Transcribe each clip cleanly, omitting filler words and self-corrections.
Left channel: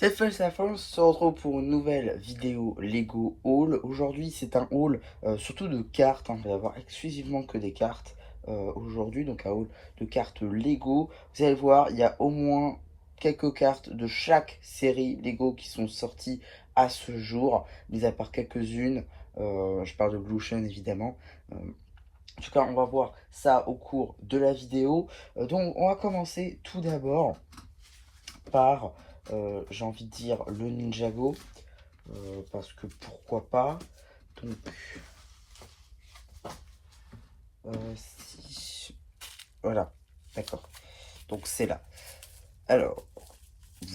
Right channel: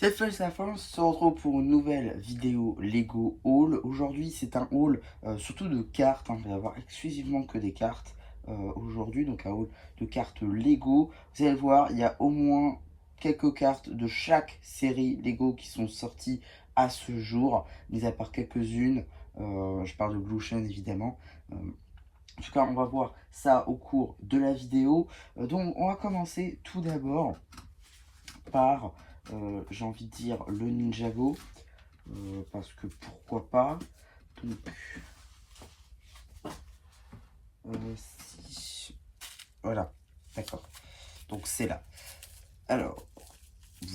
Cette fois, c'est la fin, on se retrouve pour une nouvelle vidéo Lego Haul. Aujourd'hui, c'est un haul surtout de cartes, hein. On va avoir exclusivement que des cartes aujourd'hui, donc un haul de cartes Lego. Vous allez voir, il y a au moins quelques cartes de chaque série Lego qui sont sorties à ce jour, mis à part quelques-unes. Je parle de Blue Ocean évidemment. En tout cas, on va voir ça au cours de la vidéo. Donc, on va commencer tout d'abord par, j'ai envie de dire, le Ninjago, parce que pourquoi pas. Donc, si... Voilà, d'accord. Donc, c'est là. Alors,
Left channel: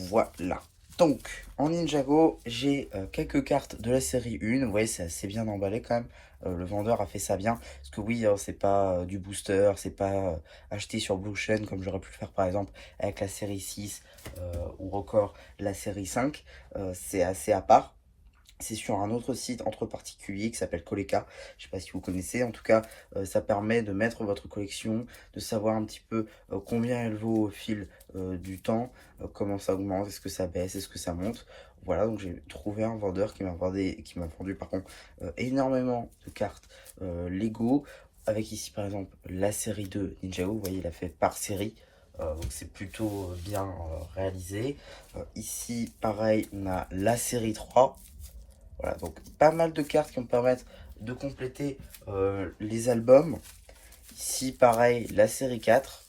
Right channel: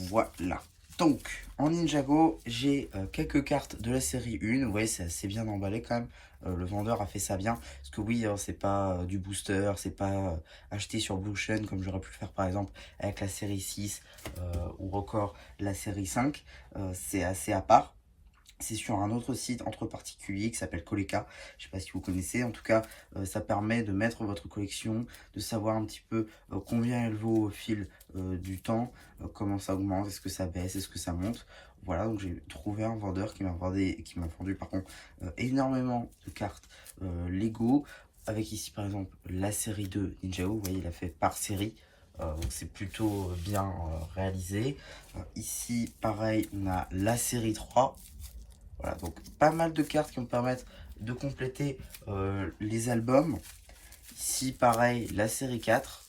voilà. Donc, en Ninjago, j'ai quelques cartes de la série 1. Vous voyez, c'est assez bien emballé quand même. Le vendeur a fait ça bien. Parce que oui, c'est pas du booster, c'est pas acheté sur Blue Ocean comme j'aurais pu le faire par exemple avec la série 6 ou encore la série 5. C'est assez à part. C'est sur un autre site entre particuliers qui s'appelle Koleka. Je ne sais pas si vous connaissez. En tout cas, ça permet de mettre votre collection, de savoir un petit peu combien elle vaut au fil du temps, comment ça augmente, est-ce que ça baisse, est-ce que ça monte. Voilà, donc j'ai trouvé un vendeur qui m'a vendu par contre énormément de cartes Lego. Avec ici par exemple la série 2 Ninjago. Vous voyez, il a fait par série. Donc c'est plutôt bien réalisé. Ici, pareil, on a la série 3. Voilà, donc pas mal de cartes qui vont permettre de compléter les albums. Ici, pareil, la série 4.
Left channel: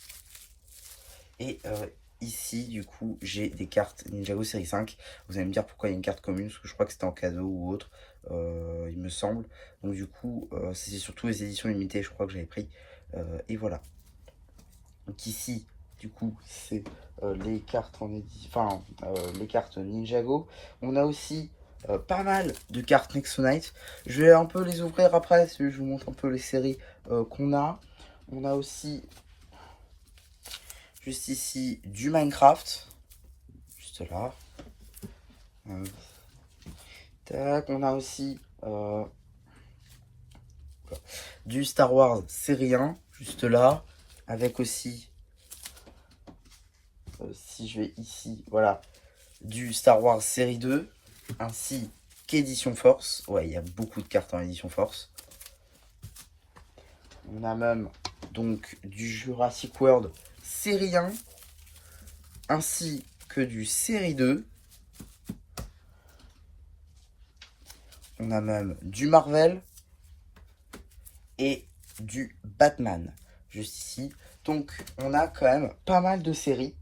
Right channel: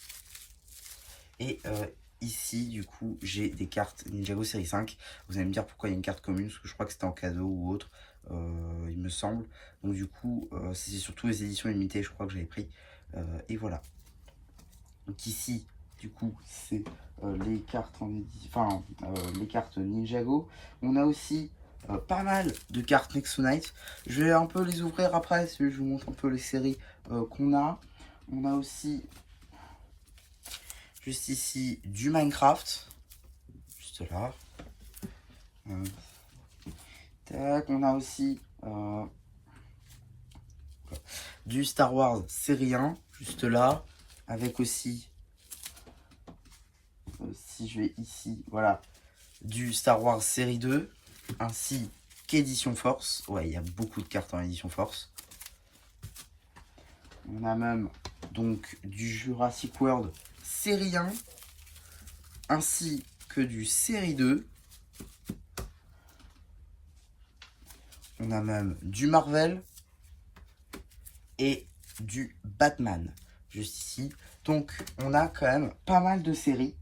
Et ici, du coup, j'ai des cartes Ninjago série 5. Vous allez me dire pourquoi il y a une carte commune, parce que je crois que c'était en cadeau ou autre, il me semble. Donc du coup, c'est surtout les éditions limitées, je crois que j'avais pris. Et voilà. Donc ici, du coup, c'est les cartes en enfin, les cartes Ninjago. On a aussi pas mal de cartes Next Night. Je vais un peu les ouvrir après, si je vous montre un peu les séries qu'on a. On a aussi, juste ici, du Minecraft. Juste là. Tac, on a aussi du Star Wars série 1, juste là. Avec aussi, si je vais ici, voilà, du Star Wars série 2, ainsi qu'édition Force. Ouais, il y a beaucoup de cartes en édition Force. On a même donc du Jurassic World série 1, ainsi que du série 2. On a même du Marvel et du Batman, juste ici. Donc, on a quand même pas mal de séries.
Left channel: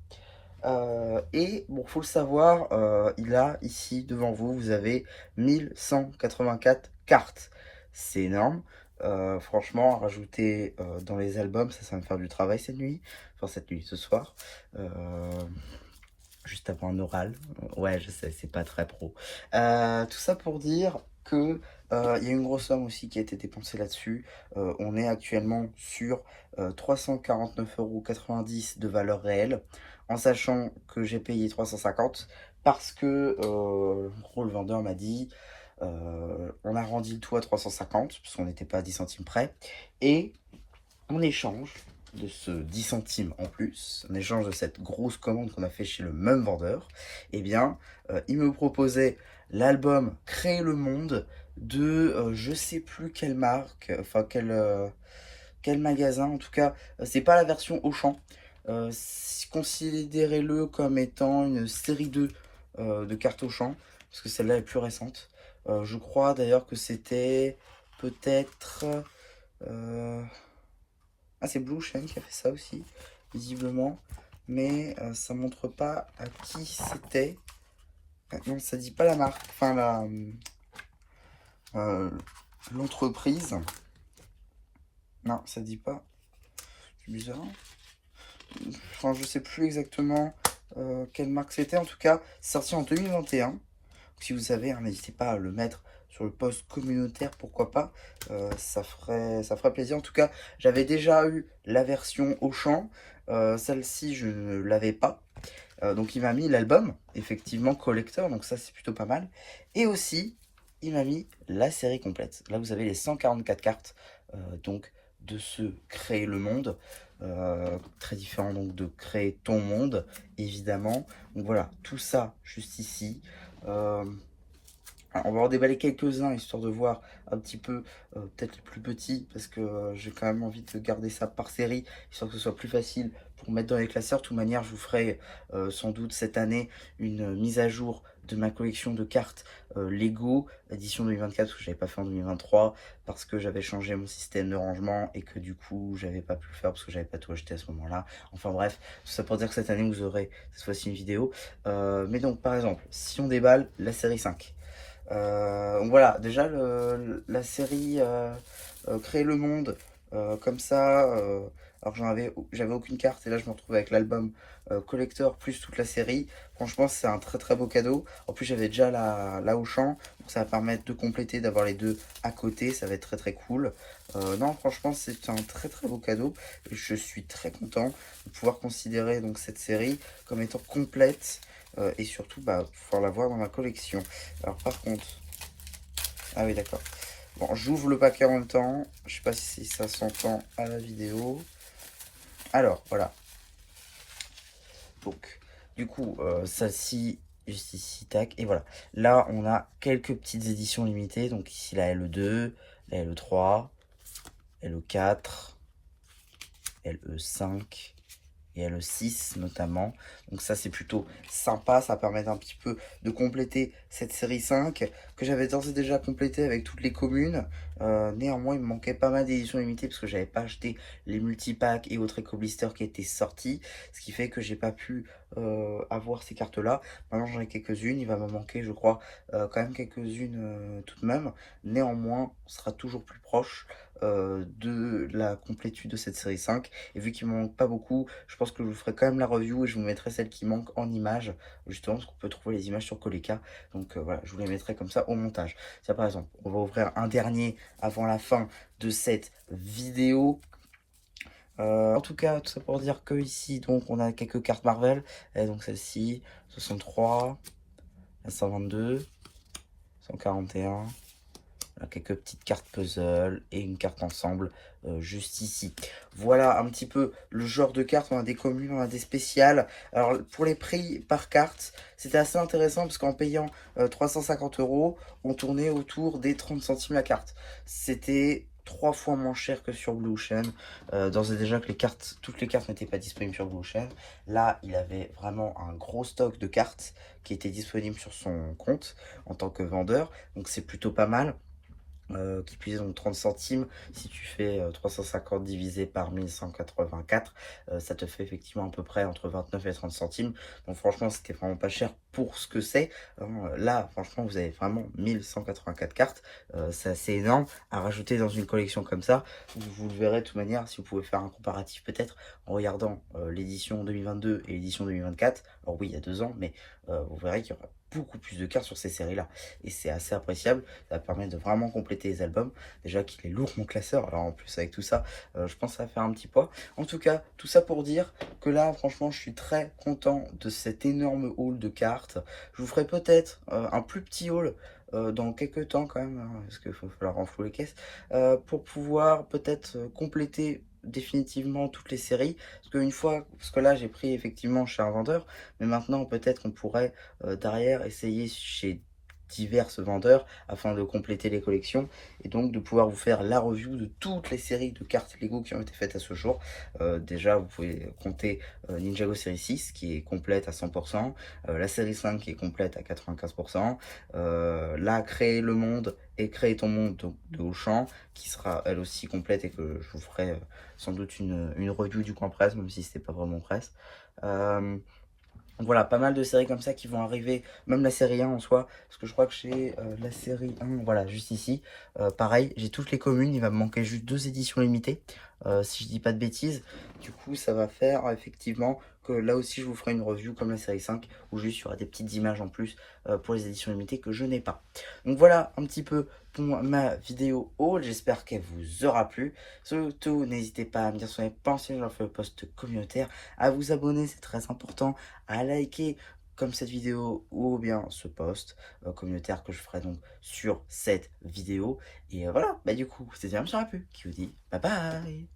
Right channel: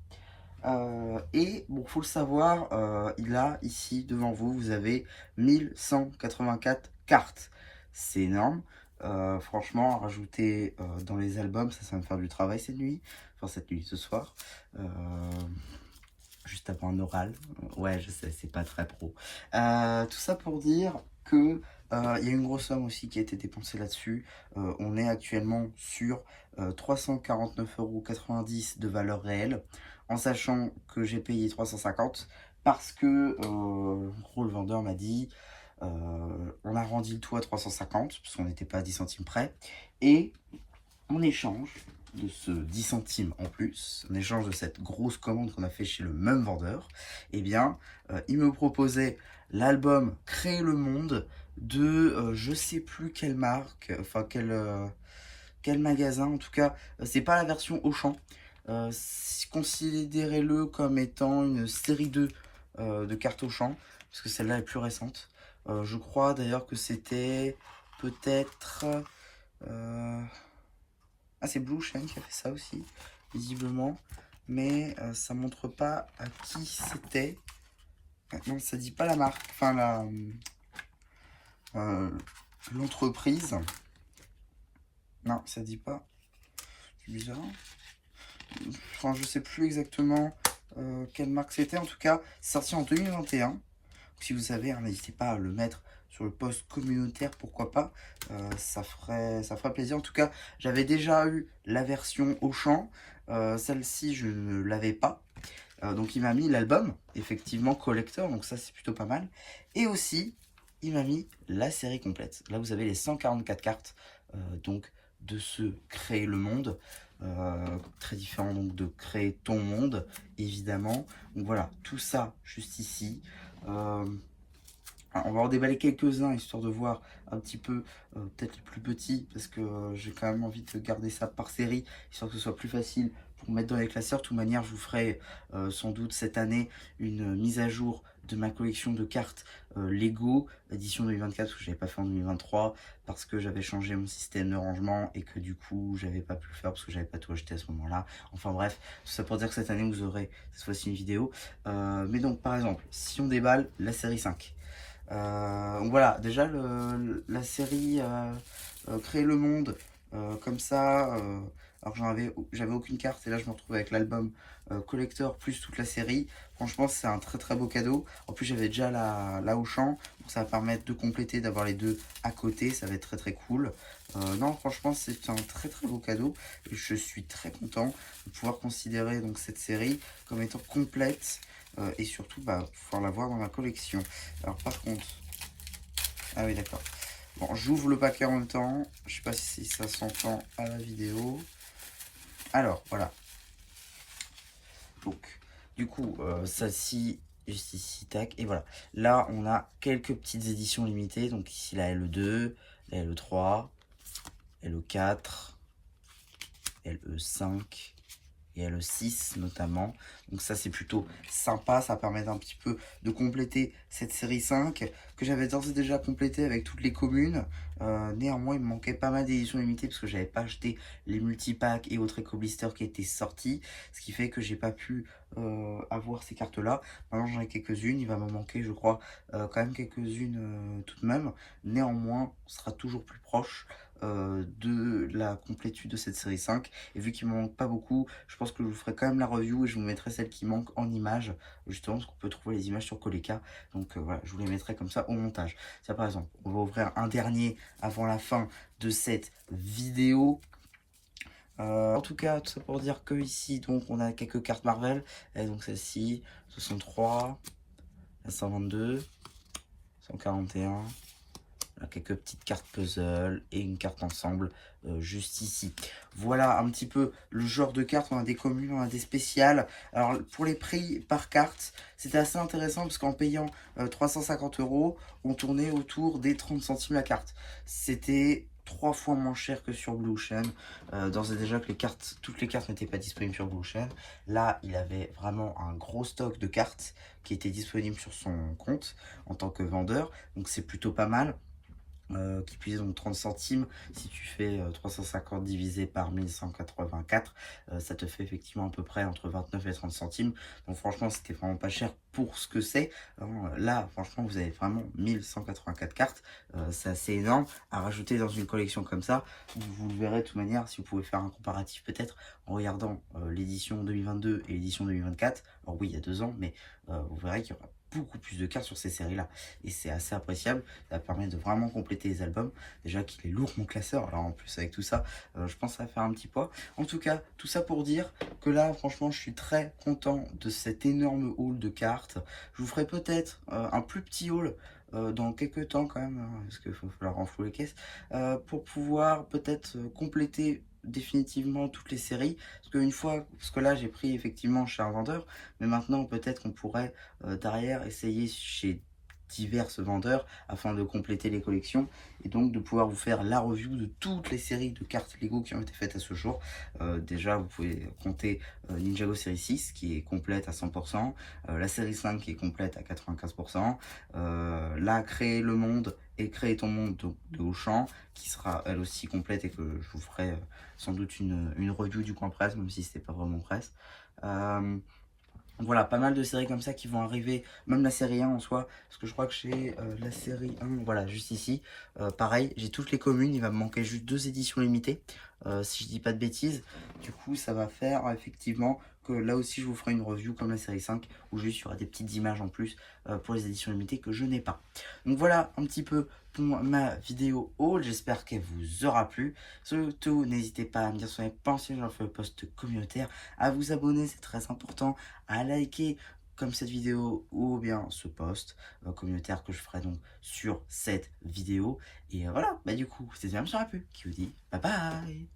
Et bon, faut le savoir, il a ici devant vous, vous avez 1184 cartes. C'est énorme. Franchement, à rajouter dans les albums, ça va me faire du travail cette nuit. Enfin, cette nuit, ce soir. Juste avant un oral. Ouais, je sais, c'est pas très pro. Tout ça pour dire que il y a une grosse somme aussi qui a été dépensée là-dessus. On est actuellement sur 349,90 € de valeur réelle, en sachant que j'ai payé 350 parce que en gros, le vendeur m'a dit on a rendu le tout à 350 parce qu'on n'était pas à 10 centimes près. Et en échange de ce 10 centimes en plus, en échange de cette grosse commande qu'on a fait chez le même vendeur, eh bien, il me proposait l'album Créer le monde de je sais plus quelle marque, enfin quel magasin, en tout cas, c'est pas la version Auchan. Considérez-le comme étant une série 2 de cartes Auchan, parce que celle-là est plus récente. Je crois d'ailleurs que c'était peut-être... Ah, c'est Blue Ocean qui a fait ça aussi, visiblement. Mais ça montre pas à qui c'était. Non, ça dit pas la marque, enfin euh, l'entreprise. Non, ça dit pas. C'est bizarre. Enfin, je sais plus exactement quelle marque c'était. En tout cas, c'est sorti en 2021. Si vous savez, hein, n'hésitez pas à le mettre sur le post communautaire, pourquoi pas. Ça ferait plaisir. En tout cas, j'avais déjà eu la version Auchan. Celle-ci, je ne l'avais pas. Donc il m'a mis l'album, effectivement collector, donc ça c'est plutôt pas mal. Et aussi, il m'a mis la série complète. Là vous avez les 144 cartes donc de ce Créer le monde. très différent donc de créer ton monde, évidemment. Donc voilà, tout ça juste ici. On va en déballer quelques-uns, histoire de voir un petit peu, peut-être les plus petits, parce que j'ai quand même envie de garder ça par série, histoire que ce soit plus facile pour mettre dans les classeurs. De toute manière, je vous ferai sans doute cette année une mise à jour de ma collection de cartes Lego, édition 2024, parce que je n'avais pas fait en 2023, parce que j'avais changé mon système de rangement, et que du coup, j'avais pas pu le faire, parce que j'avais pas tout acheté à ce moment-là. Enfin bref, tout ça pour dire que cette année, vous aurez cette fois-ci une vidéo. Mais donc, par exemple, si on déballe la série 5, voilà, déjà la série Créer le monde, comme ça, alors que j'avais aucune carte, et là je me retrouve avec l'album collector plus toute la série. Franchement, c'est un très très beau cadeau. En plus, j'avais déjà la Auchan, donc ça va permettre de compléter, d'avoir les deux à côté, ça va être très très cool. Non, franchement, c'est un très très beau cadeau, et je suis très content de pouvoir considérer donc cette série comme étant complète. Et surtout pouvoir l'avoir dans ma collection. Alors par contre, ah oui d'accord. Bon, j'ouvre le paquet en même temps. Je sais pas si ça s'entend à la vidéo. Alors voilà. Donc du coup, ça ci juste ici, tac, et voilà. Là, on a quelques petites éditions limitées. Donc ici la LE2, la LE3, LE4, LE5. Et le 6 notamment. Donc ça c'est plutôt sympa, ça permet un petit peu de compléter cette série 5 que j'avais d'ores et déjà complétée avec toutes les communes. Néanmoins il me manquait pas mal d'éditions limitées parce que j'avais pas acheté les multipacks et autres éco-blisters qui étaient sortis, ce qui fait que j'ai pas pu avoir ces cartes là. Maintenant j'en ai quelques-unes, il va me manquer je crois quand même quelques-unes tout de même. Néanmoins on sera toujours plus proche de la complétude de cette série 5, et vu qu'il ne me manque pas beaucoup, je pense que je vous ferai quand même la review et je vous mettrai celle qui manque en images, justement parce qu'on peut trouver les images sur Coleca. Donc voilà, je vous les mettrai comme ça au montage. Ça par exemple, on va ouvrir un dernier avant la fin de cette vidéo. En tout cas, tout ça pour dire que ici, donc, on a quelques cartes Marvel. Et donc celle-ci, 63, 122, 141. Quelques petites cartes puzzle et une carte ensemble juste ici. Voilà un petit peu le genre de cartes. On a des communes, on a des spéciales. Alors pour les prix par carte, c'était assez intéressant parce qu'en payant 350 €, on tournait autour des 30 centimes la carte. C'était 3 fois moins cher que sur Blue Ocean. D'ores et déjà que toutes les cartes n'étaient pas disponibles sur Blue Ocean. Là, il avait vraiment un gros stock de cartes qui étaient disponibles sur son compte en tant que vendeur. Donc c'est plutôt pas mal. Qui puise donc 30 centimes, si tu fais 350 divisé par 1184, ça te fait effectivement à peu près entre 29 et 30 centimes. Donc franchement, c'était vraiment pas cher pour ce que c'est. Là, franchement, vous avez vraiment 1184 cartes. C'est assez énorme à rajouter dans une collection comme ça. Vous le verrez de toute manière, si vous pouvez faire un comparatif peut-être en regardant l'édition 2022 et l'édition 2024. Alors oui, il y a 2 ans, mais vous verrez qu'il y aura beaucoup plus de cartes sur ces séries-là. Et c'est assez appréciable. Ça permet de vraiment compléter les albums. Déjà qu'il est lourd mon classeur. Alors en plus avec tout ça, je pense que ça va faire un petit poids. En tout cas, tout ça pour dire que là, franchement, je suis très content de cet énorme haul de cartes. Je vous ferai peut-être un plus petit haul dans quelques temps quand même, hein, parce qu'il va falloir renflouer les caisses, pour pouvoir peut-être compléter définitivement toutes les séries, parce que là j'ai pris effectivement chez un vendeur, mais maintenant peut-être qu'on pourrait derrière essayer chez divers vendeurs afin de compléter les collections et donc de pouvoir vous faire la review de toutes les séries de cartes Lego qui ont été faites à ce jour. Déjà vous pouvez compter Ninjago série 6 qui est complète à 100%, la série 5 qui est complète à 95%, là Créer le monde et Créer ton monde de Auchan qui sera elle aussi complète et que je vous ferai sans doute une review du coin presse, même si c'était pas vraiment presse. Donc voilà, pas mal de séries comme ça qui vont arriver, même la série 1 en soi, parce que je crois que j'ai la série 1, voilà, juste ici. Pareil, j'ai toutes les communes, il va me manquer juste 2 éditions limitées, si je dis pas de bêtises. Du coup, ça va faire effectivement que là aussi je vous ferai une review comme la série 5, où juste il y aura des petites images en plus pour les éditions limitées que je n'ai pas. Donc voilà un petit peu pour ma vidéo haul, j'espère qu'elle vous aura plu. Surtout, n'hésitez pas à me dire ce que vous en avez pensé, j'en fais un post communautaire, à vous abonner, c'est très important, à liker comme cette vidéo ou bien ce post communautaire que je ferai donc sur cette vidéo. Et voilà, du coup, c'était bien, j'aurais pu qui vous dit bye bye.